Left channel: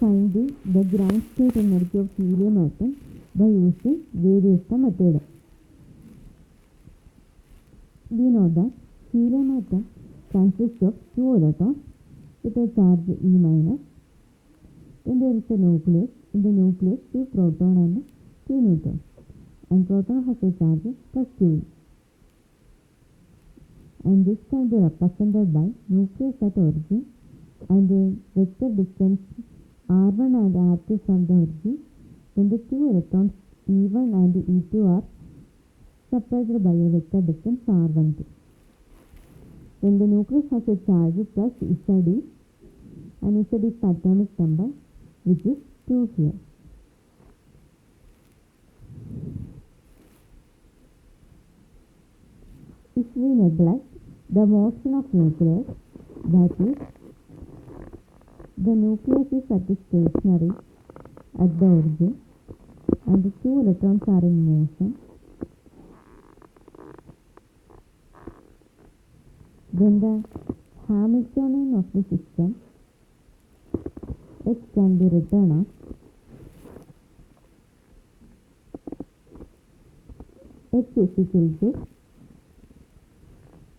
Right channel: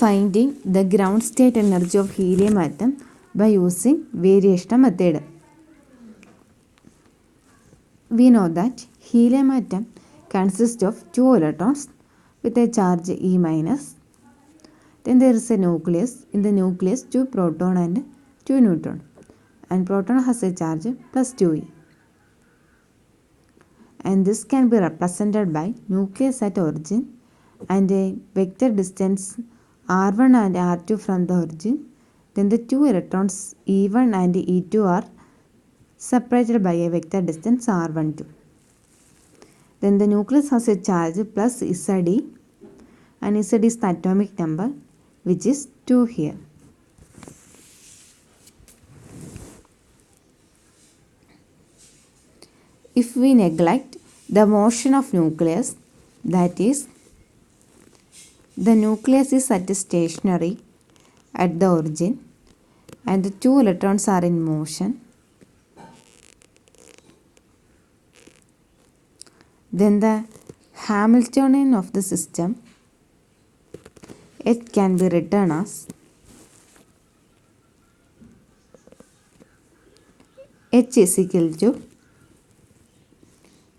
Finding the ground state energy of helium atom by using variation method. We know that helium atom consists of 2 electrons with a charge E minus. Then there is a nucleus. In the nucleus 2 proton and 2 neutron. And proton has a charge plus 2e. And this can be represented by nucleus at origin and a vector distance r1 and r2 from the origin. Then the 2 electrons e1 and e2 are separated by a vector distance r12. Then the nucleus has a charge plus Ze, and Z is the atomic number, which is 2 here. If we neglect the motion of nucleus, that is, the nucleus is at stationary at the origin and the 2 electrons are in motion, then the Hamiltonian of the system, it can be written as H is equal to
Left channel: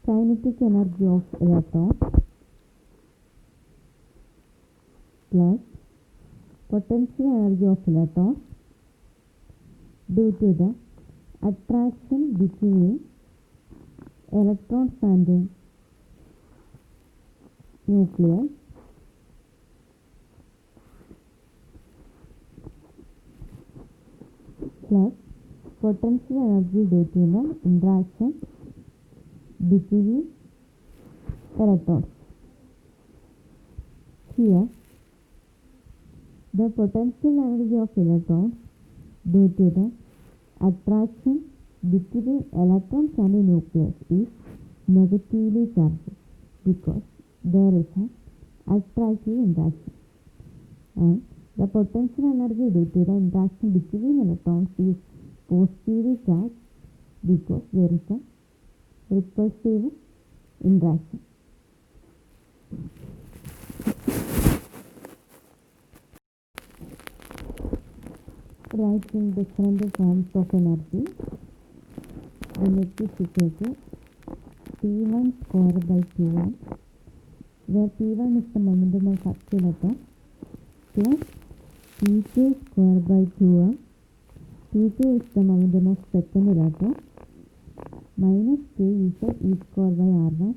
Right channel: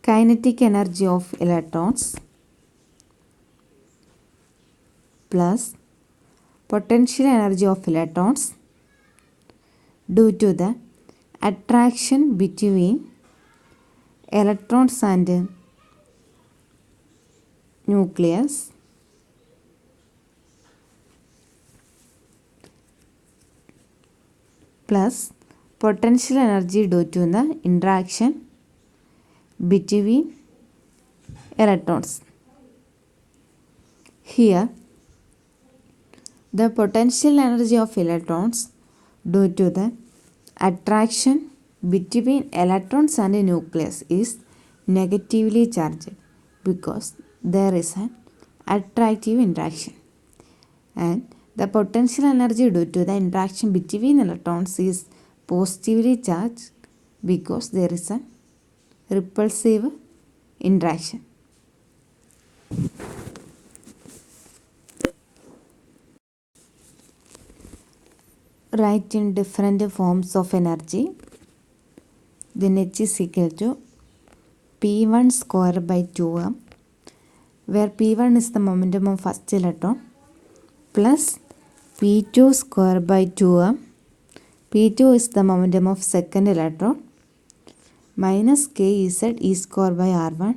kinetic energy of electrons plus potential energy of electrons due to the attraction between electrons and nucleus plus potential energy due to the interaction between electrons. Here, the potential energy of electrons due to the attraction between electrons and a nucleus is negatively charged because there is an attractive interaction, and the potential energy due to the interaction between electrons is positively charged because there is a repulsive interaction. Write in different forms of energy. Then H is equal to P1 square by 2m, where P1 is the momentum of first electron, plus P2 square by 2m. P2 is the momentum of second electron, minus k z e square by r1,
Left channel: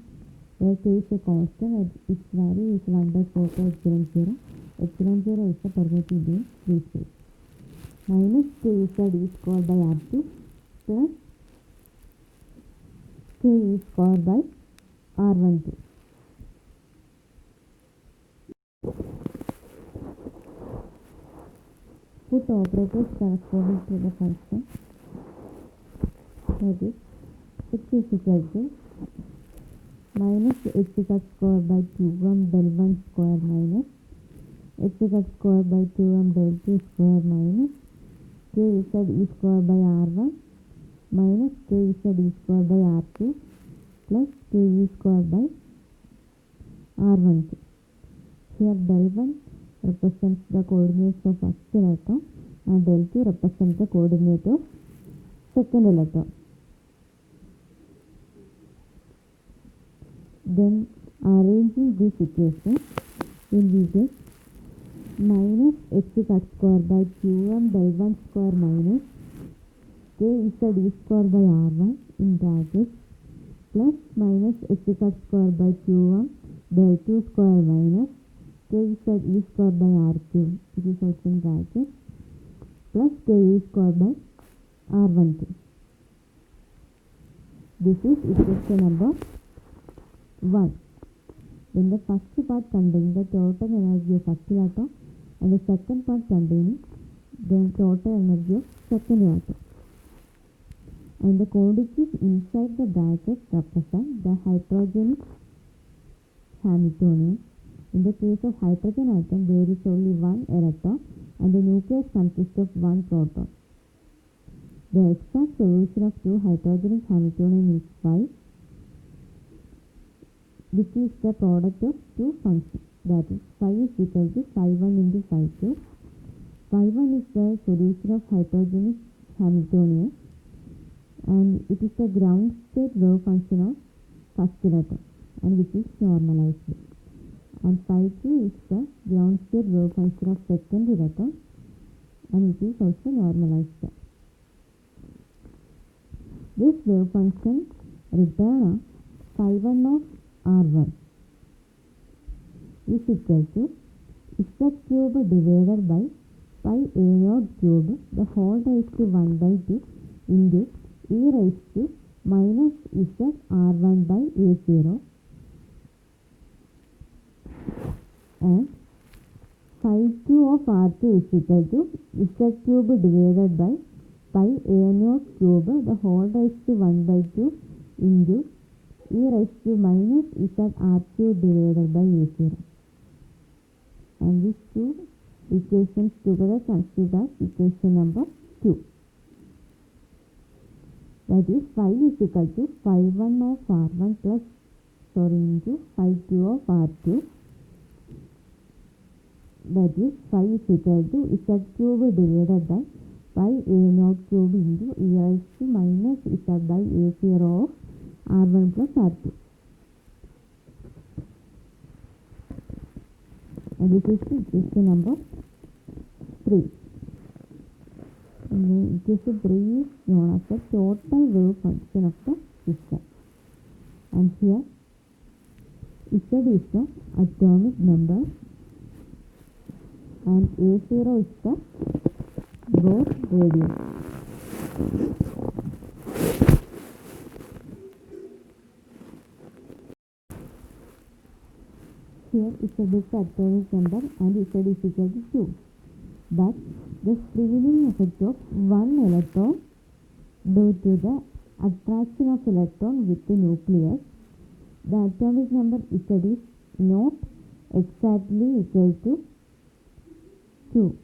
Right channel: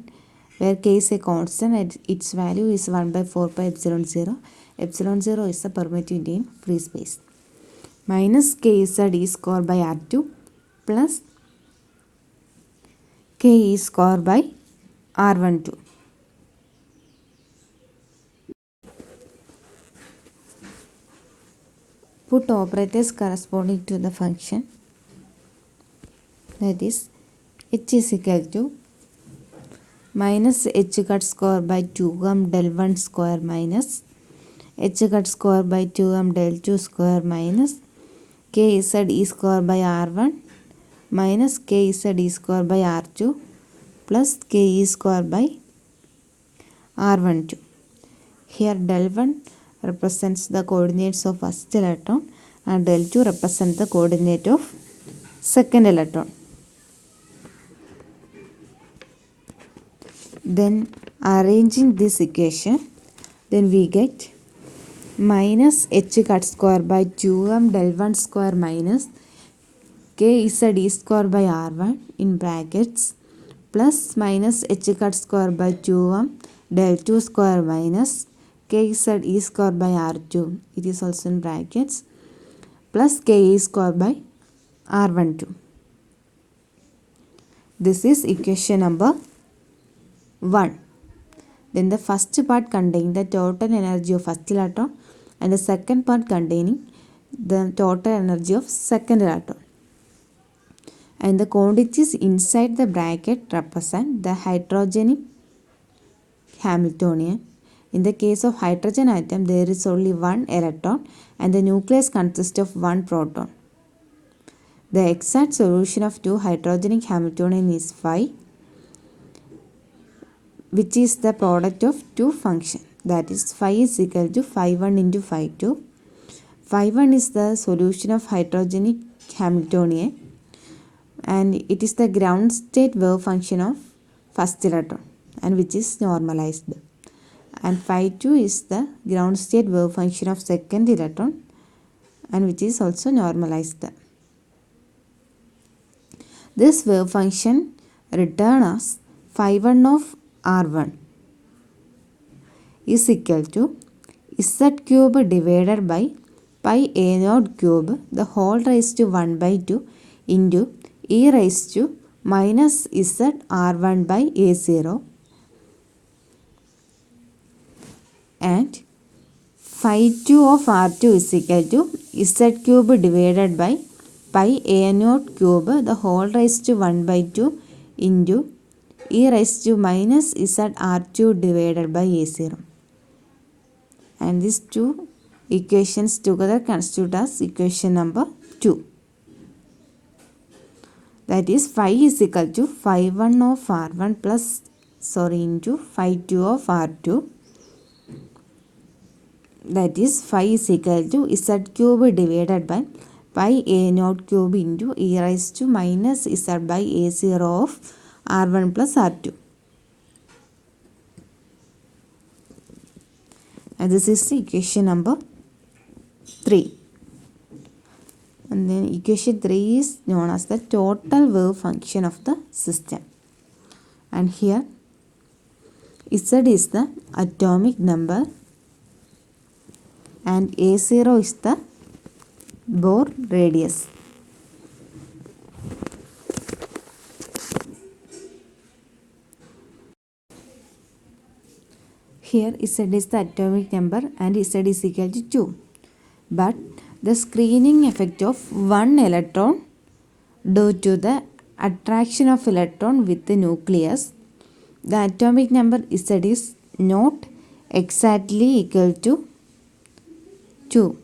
where k is a constant and its value is 1 by 4 pi epsilon 0. Epsilon 0 is the permittivity in free space. Minus k z e square by r2 plus k e square by r12. Put operators corresponding to the function, that is h is equal to minus h cut square by 2m del 1 square minus h cut square by 2m del 2 square minus k z e square by r1 minus k z e square by r2 plus k e square by r12. Here del 1 represents the coordinates of first electron and del 2 represents the coordinate of second electron. Then arranging this equation, then we get minus h cut square by 2m del 1 square minus k z e square by r1 in brackets plus minus h cut square by 2m del 2 square minus k z e square by r2, it is also in brackets, plus k e square by r12. This is equation number 1. Then the first part containing the total energy of first electron and the second part containing the total energy of second electron. And the quantities inside the bracket represent the hydrogenic Hamiltonian. In the case of hydrogen atom, there is only one electron and the nucleus consists of one proton. The exact solution of 2 hydrogenic Hamiltonian is phi, which is the product of 2 functions. that is phi is equal to phi 1 into phi 2. Phi 1 is the solution of hydrogenic Hamiltonian and it is the ground state wave function of first electron and which is normalized. And phi 2 is the ground state wave function of second electron and which is also normalized. This wave function return as phi 1 of R1 is equal to z cube divided by pi a naught cube the whole raised to 1 by 2 into e raised to minus z R1 by a0 and phi 2 of R2 is equal to z cube divided by pi a naught cube the whole raised to 1 by 2 into e raised to minus z R2 divided by a0. And these two equations together constitute as equation number 2. That is phi is equal to phi 1 of R1 into phi 2 of R2. That is phi is equal to z cube divided by pi a naught cube into e raised to minus z by a0 of R1 plus R2. And this is the equation number 3. And then equation 3 is known as the total wave function of the system. And here Z is the atomic number and A0 is the Bohr radius. Here Z is the atomic number and Z is equal to 2. But the screening effect of one electron due to the attraction of electron with the nucleus, the atomic number Z is not exactly equal to 2.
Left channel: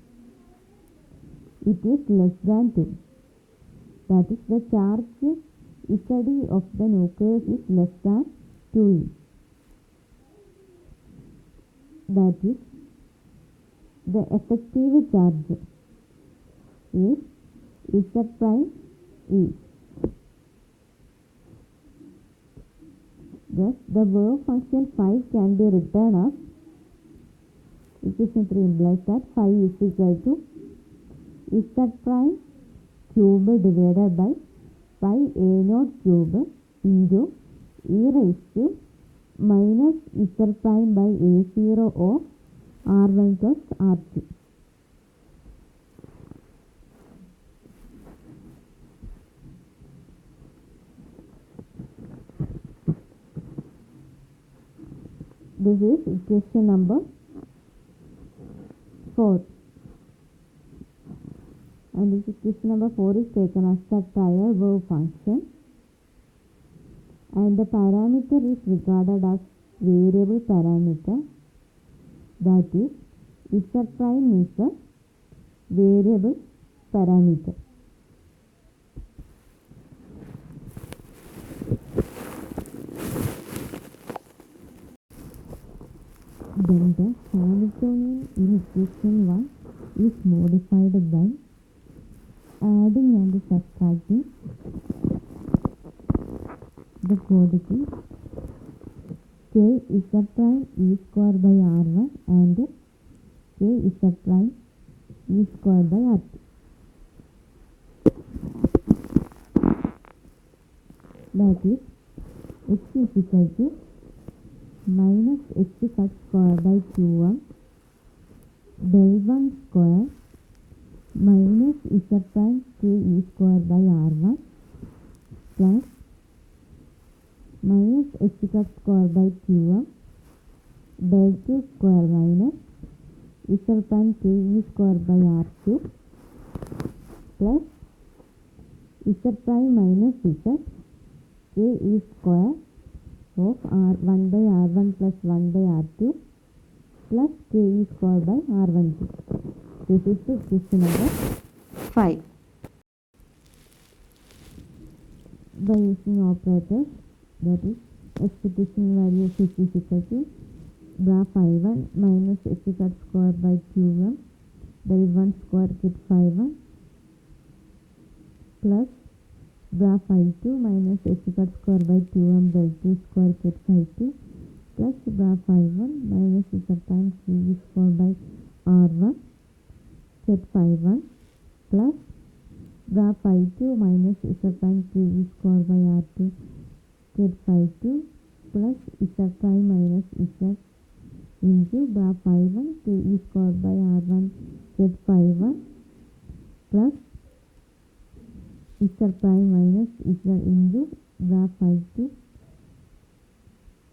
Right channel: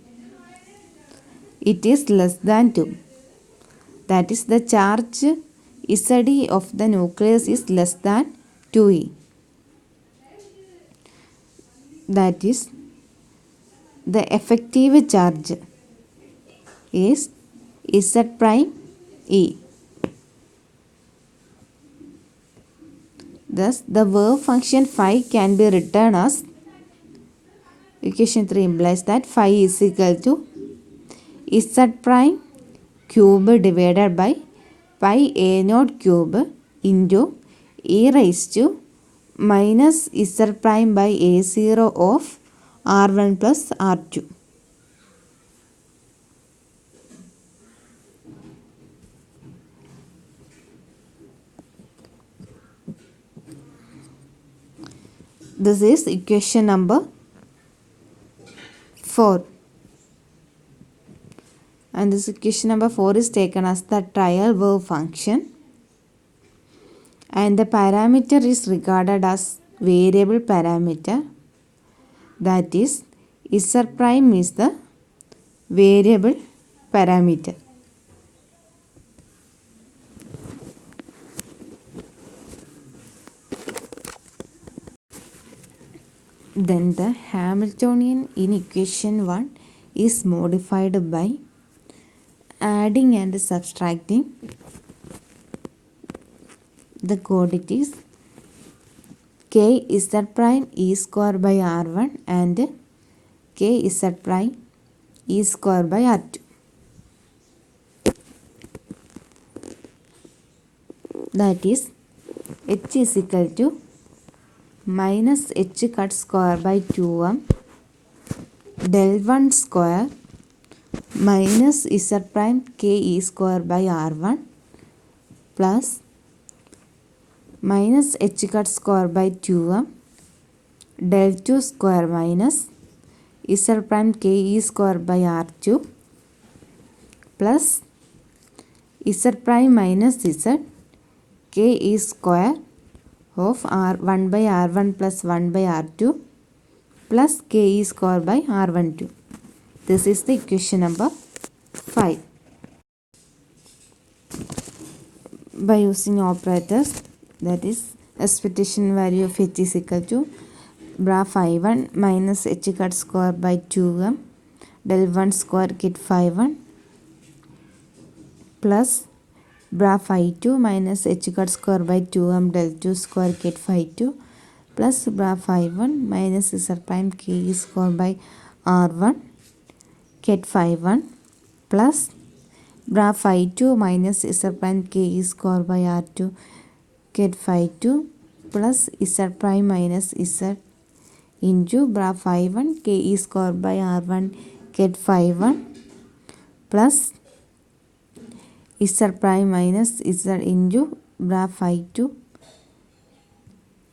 It is less than 2. That is, the charge Ze of the nucleus is less than 2e. That is, the effective charge is Z prime E. Thus, the wave function phi can be written as, equation 3 implies that phi is equal to Z prime cube divided by pi a naught cube into e raised to minus Z prime by a0 of R1 plus R2. This is equation number 4. And this equation number 4 is taken as the trial wave function. And the parameter is regarded as variable parameter. That is, Z prime is the variable parameter. Then the Hamiltonian in equation 1 is modified by adding and subtracting the quantities k z prime e square by r1 and k z prime e square by r2. That is, h is equal to minus h cut square by 2m del 1 square minus z prime k e square by r1 plus minus h cut square by 2m del 2 square minus z prime k e square by r2 plus z prime minus z k e square of r1 by r1 plus 1 by r2 plus k e square by r12. This is the equation number 5. By using operators, that is, expectation value of h is equal to bra phi 1 minus h cut square by 2m del 1 square kit phi 1 plus bra phi 2 minus h cut square by 2m del 2 square kit phi 2 plus bra phi 1 minus z prime k square by r1 ket phi 1 plus bra phi 2 minus z prime k square by r2 ket phi 2 plus z prime minus z into bra phi 1 k square by r1 ket phi 1 plus z prime minus z into bra phi 2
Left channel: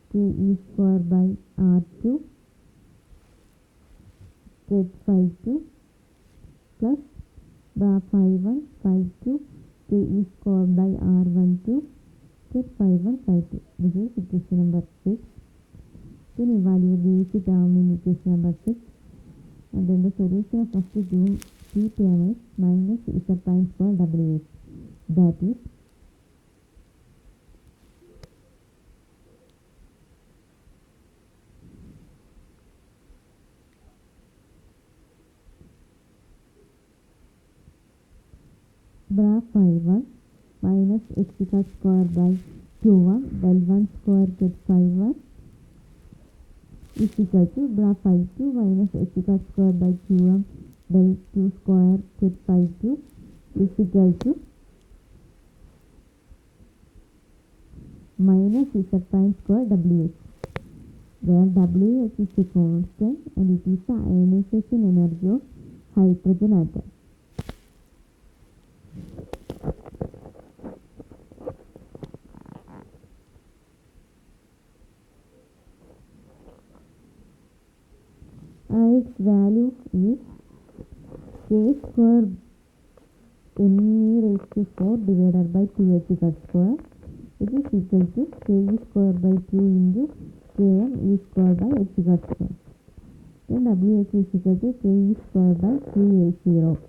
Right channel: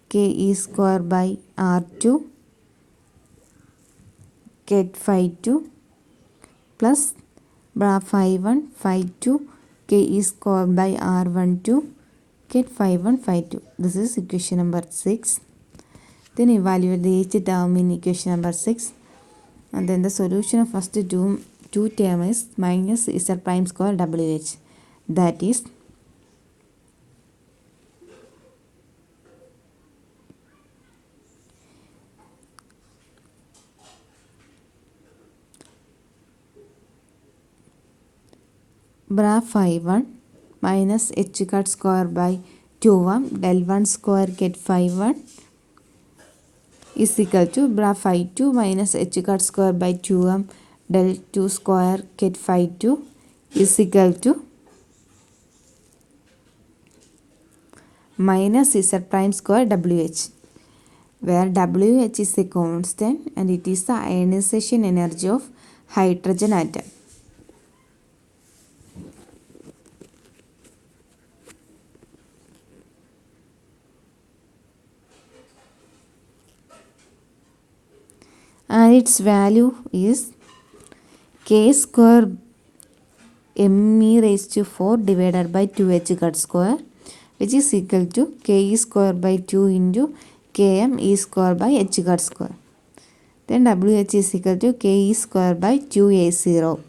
k square by r2 ket phi 2 plus bra phi 1 phi 2 k square by r1 2 ket phi 1 phi 2. This is equation number 6. Then evaluate the each term in equation number 6. And then the solution of first two term is minus z prime square wh. That is bra phi 1 minus h cut square by 2m del 1 square ket phi 1 is equal to bra phi 2 minus h cut square by 2m del 2 square ket phi 2 is equal to minus z prime square wh, where wh is a constant and it is the ionization energy of hydrogen atom. And its value is k square me raised to 4 divided by 2h cut square, which is equal to k square by 2 into km e square by h cut square. Then wh is equal to k square by 2a0,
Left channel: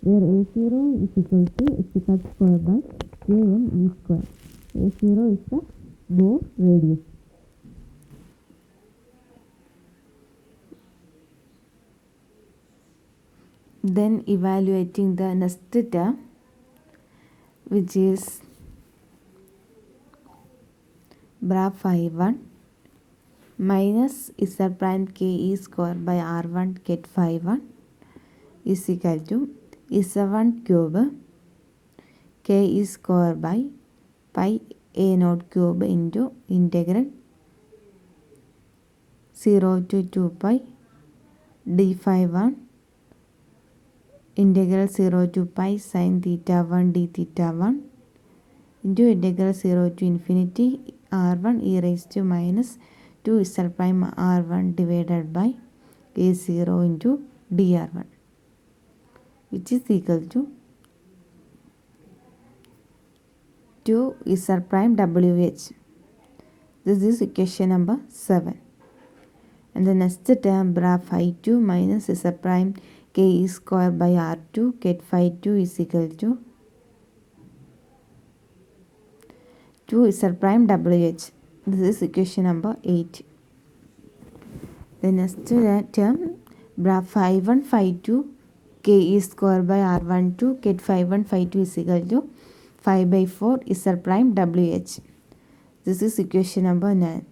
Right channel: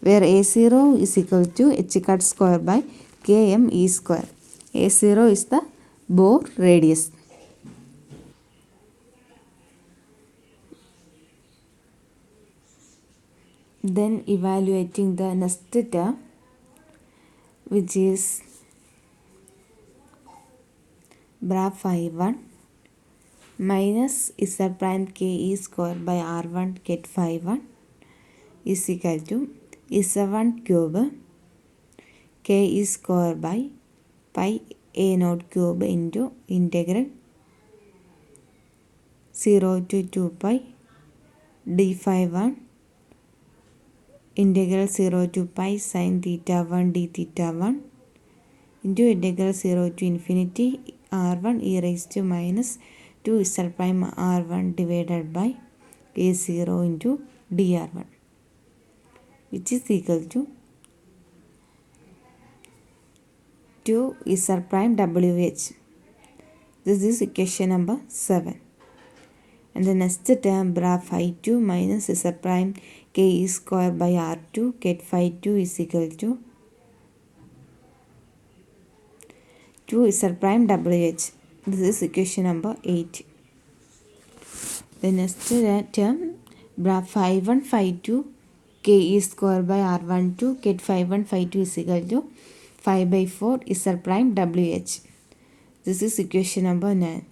where a0 is equal to h cut square by km e square. A0 is the Bohr radius. Then evaluating the next term, which is bra phi 1 minus z prime k e square by r1 ket phi 1 is equal to z1 cube k e square by pi a naught cube into integral 0 to 2 pi d phi 1 integral 0 to pi sin theta 1 d theta 1 into integral 0 to infinity r1 e raised to minus 2 z prime r1 divided by a0 into dr1, which is equal to 2 z prime wh. This is equation number 7. And the next term bra phi 2 minus z prime k e square by r2 ket phi 2 is equal to 2 z prime wh. This is equation number 8. The next term bra phi 1 phi 2 k e square by r1 2 ket phi 1 phi 2 is equal to 5 by 4 z prime wh. This is equation number 9.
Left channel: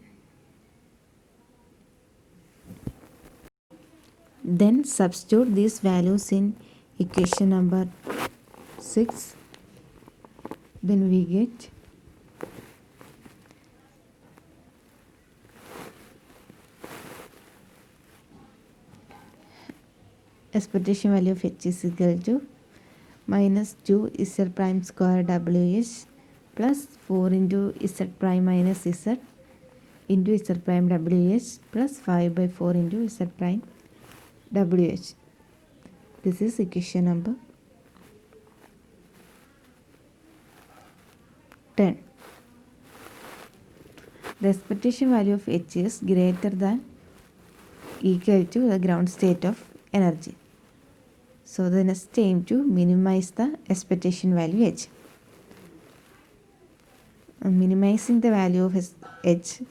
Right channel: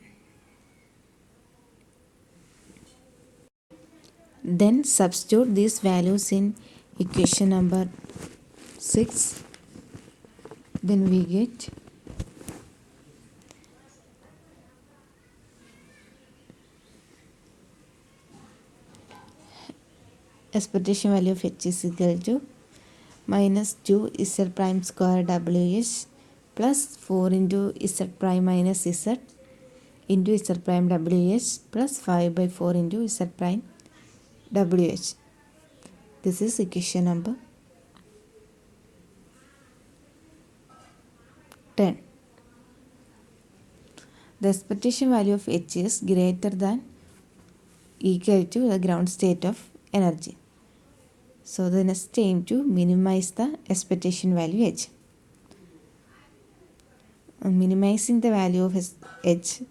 Then substitute these values in equation number 6. Then we get expectation value of h is equal to minus 2 z prime square wh plus 4 into z prime minus z into z prime wh plus 5 by 4 into z prime wh. This is equation number 10. The expectation value of h is greater than equal to the ground state of energy. So the next aim to minimize the expectation value h. Minimizing the value of h,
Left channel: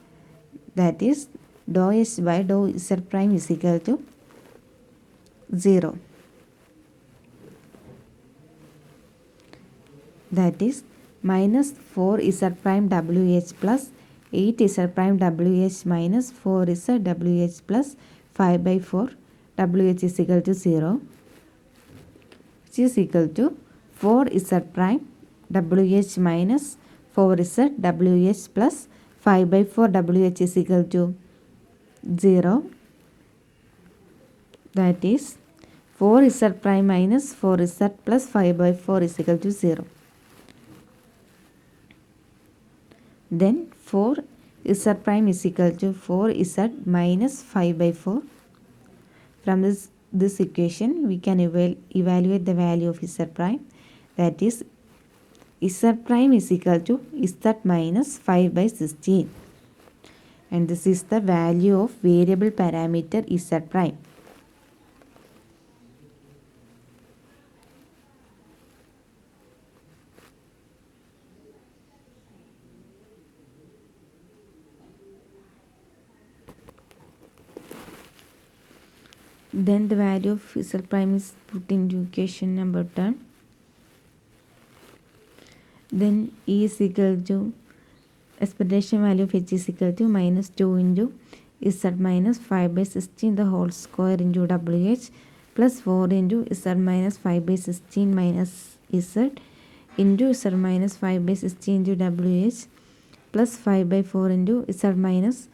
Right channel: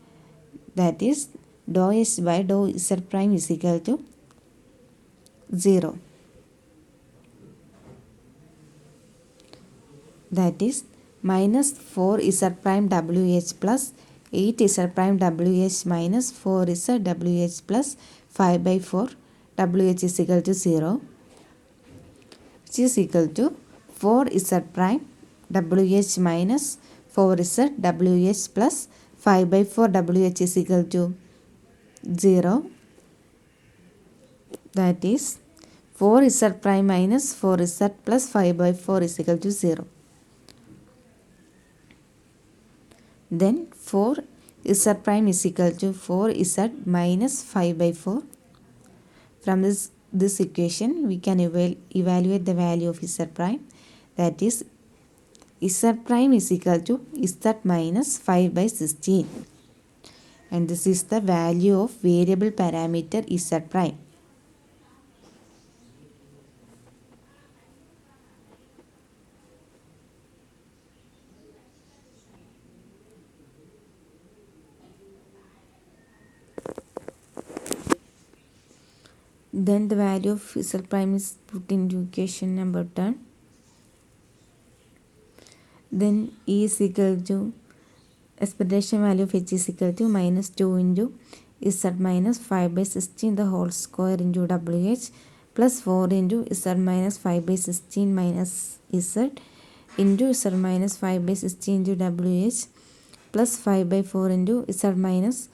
that is dou h by dou z prime is equal to 0. That is minus 4z prime wh plus 8z prime wh minus 4z wh plus 5 by 4 wh is equal to 0, which is equal to 4z prime wh minus 4z wh plus 5 by 4 wh is equal to 0. That is 4z prime minus 4z plus 5 by 4 is equal to 0. Then 4z prime is equal to 4z minus 5 by 4. From this equation, we can evaluate the value of z prime. That is z prime is equal to z minus 5 by 16. And this is the value of variable parameter z prime. Then the value of z prime is put into equation number 10. Then E is equal to expectation value of H is equal to minus 2 into Z minus 5 by 16 the whole square into WH plus 4 into Z minus 5 by 16 minus Z into Z minus 5 by 16 into WH plus 5 by 4 into Z minus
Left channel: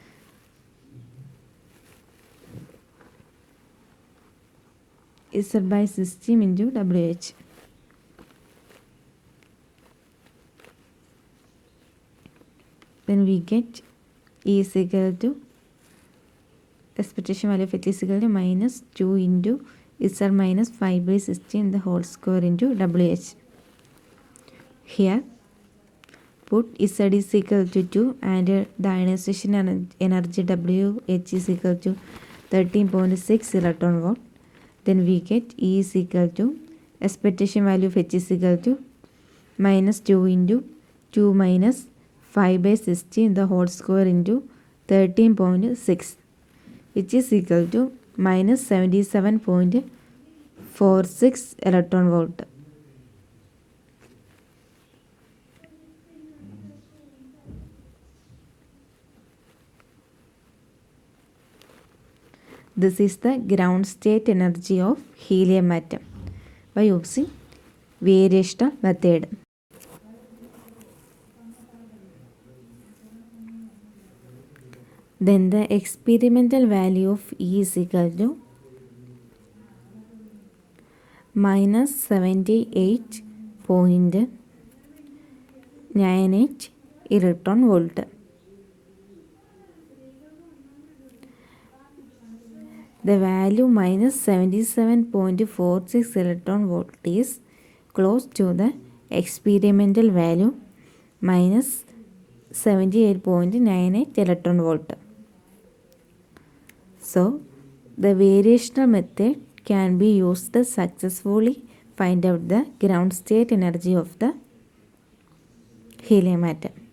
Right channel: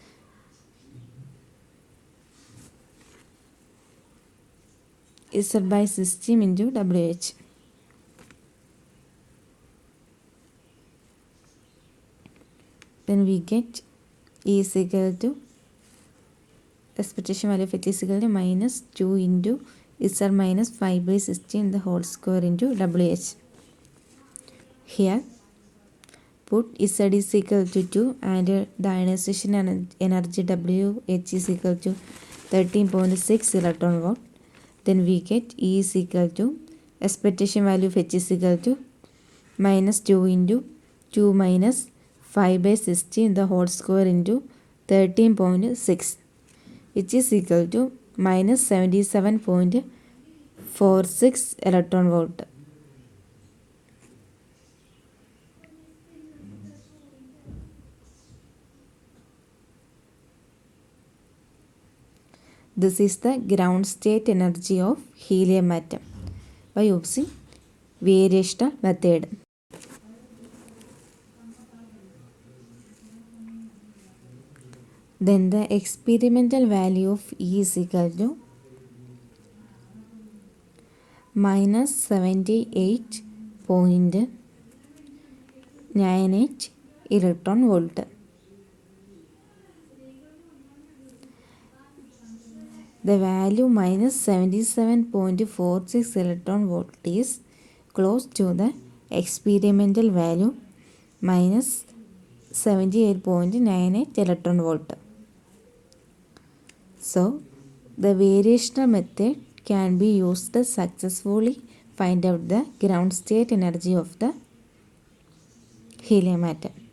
Z by 16 into WH. Then we get E is equal to expectation value of H is equal to minus 2 into Z minus 5 by 16 the whole square into WH. Here put Z is equal to 2 and the ionization energy WH is equal to 13.6 electron volt. Then we get E is equal to expectation value of H is equal to minus 2 into 2 minus 5 by 16 the whole square into 13.6, which is equal to minus 77.46 electron volt. This is the ground state energy of helium atom by using variational method. Then the experimental value of E is equal to minus 78.98 electron volt. The value minus 77.46 electron volt is close to the experimental value minus 78.98 electron volt. So, the variational method can be used to successfully find out the ground state energy of the helium atom.